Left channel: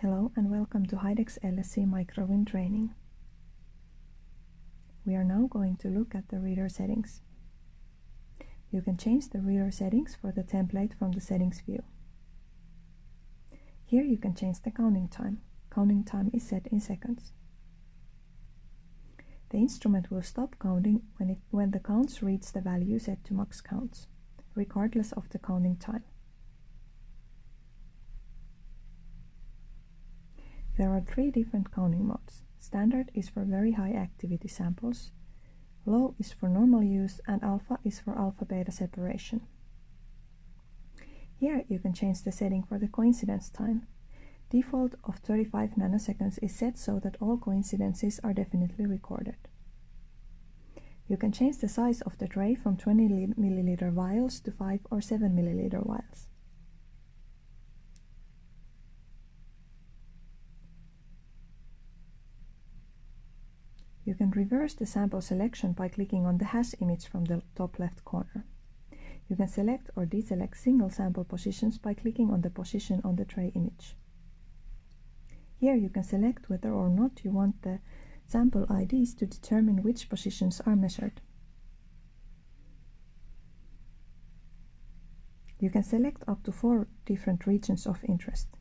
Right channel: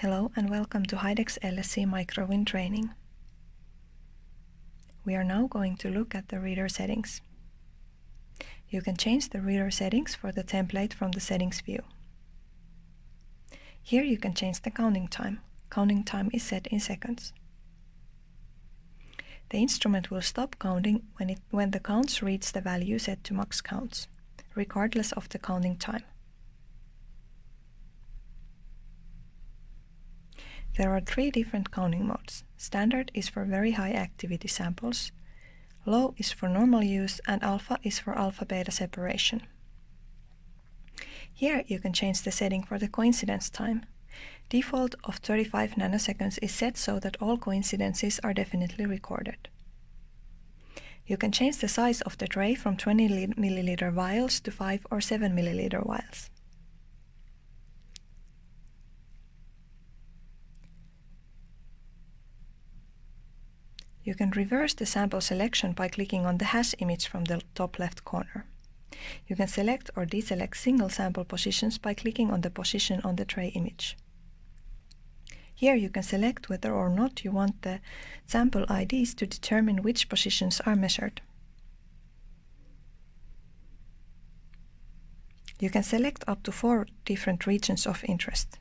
Hello and welcome to Hidex MikroWin training. We are now going to look at the reader settings. You can change the reader settings for the template from the settings view. Here you can change the counting time. Counting time is set in seconds. The instrument will stop counting when the counts reach the value set to max counts, regardless of the counting time. There are three different counting modes. Standard is for very high activity samples, low is for normal use, and alpha is for alpha-beta separation. Here you can change the setting for the coincidence time. Default of 35 nanoseconds is set so that all coincidences are definitely recorded. You can change the size of the tray from 20 milliliter vials to 5 or 7 milliliter vials. You can reverse the sample selection by clicking on the hash image from the top left corner. You can select or deselect single sample positions by clicking on the position on the tray image. Here you can select whether or not you want the sample IDs to determine which positions are measured. You can select up to 4 different regions of interest.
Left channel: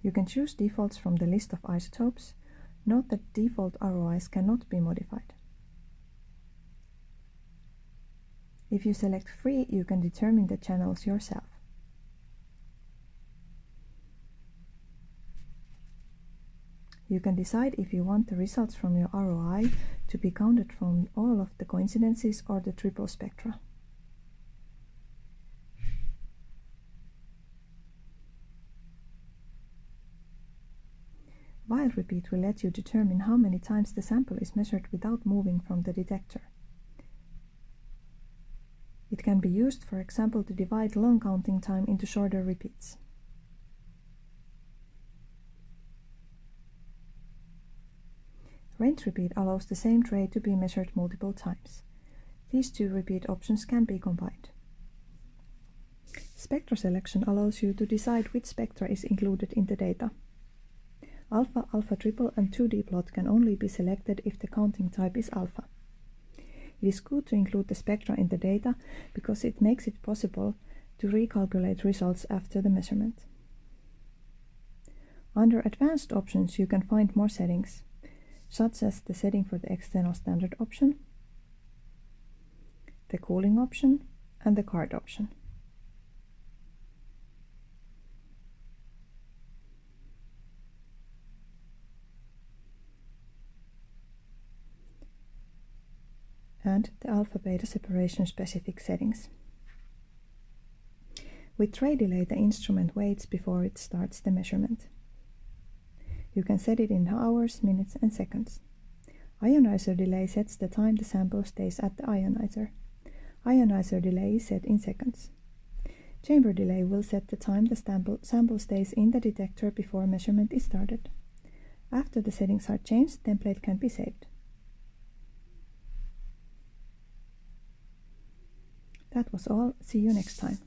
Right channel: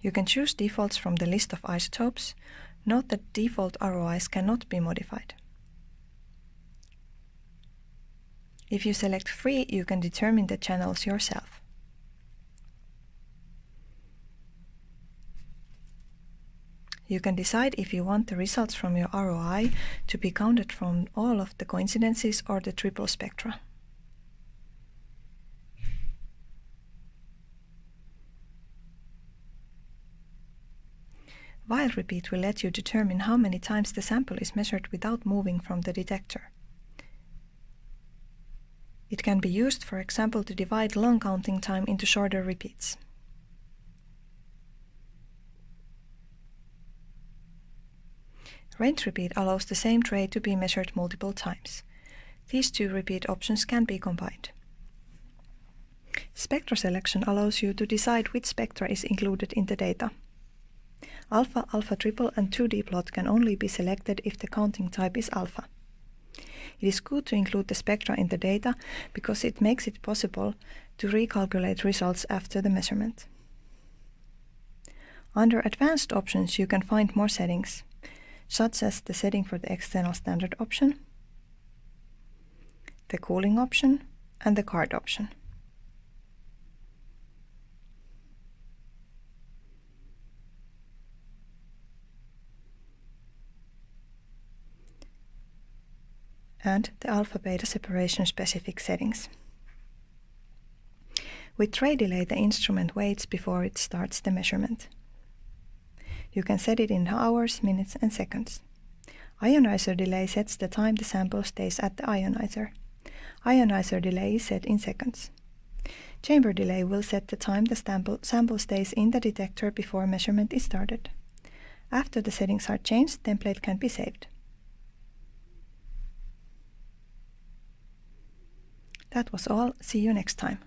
You can choose defaults from the list of isotopes. Note that default ROIs cannot be modified. If you select free, you can determine the channels yourself. You can decide if you want the results from your ROI to be counted from all of the coincidences or the triple spectra. While repeat will let you determine how many times the sample is measured without moving from the detector. It can be used, for example, to divide long counting time into shorter repeats. Range repeat allows the same tray to be measured multiple times. These two repeat options can be combined. Spectra selection allows you to decide which spectra is included in the data. Alpha, alpha triple, and 2D plot can only be selected if the counting type is alpha. It is good to include the spectra in the data because it makes it possible to recalculate results after the measurement. Under Advanced options you can find more settings, such as the setting for the external standard option, the cooling option, and the card option. And the alpha-beta separation specific settings. With tray delay, the instrument waits before it starts the measurement. You can set it in hours, minutes, and seconds. Ionizer delay sets the time the sample stays at the ionizer. Ionizer delay is set in seconds. Chamber delay will set the time the sample stays in the detector before measurement is started. After the settings are changed, template can be saved. That was all. See you next time.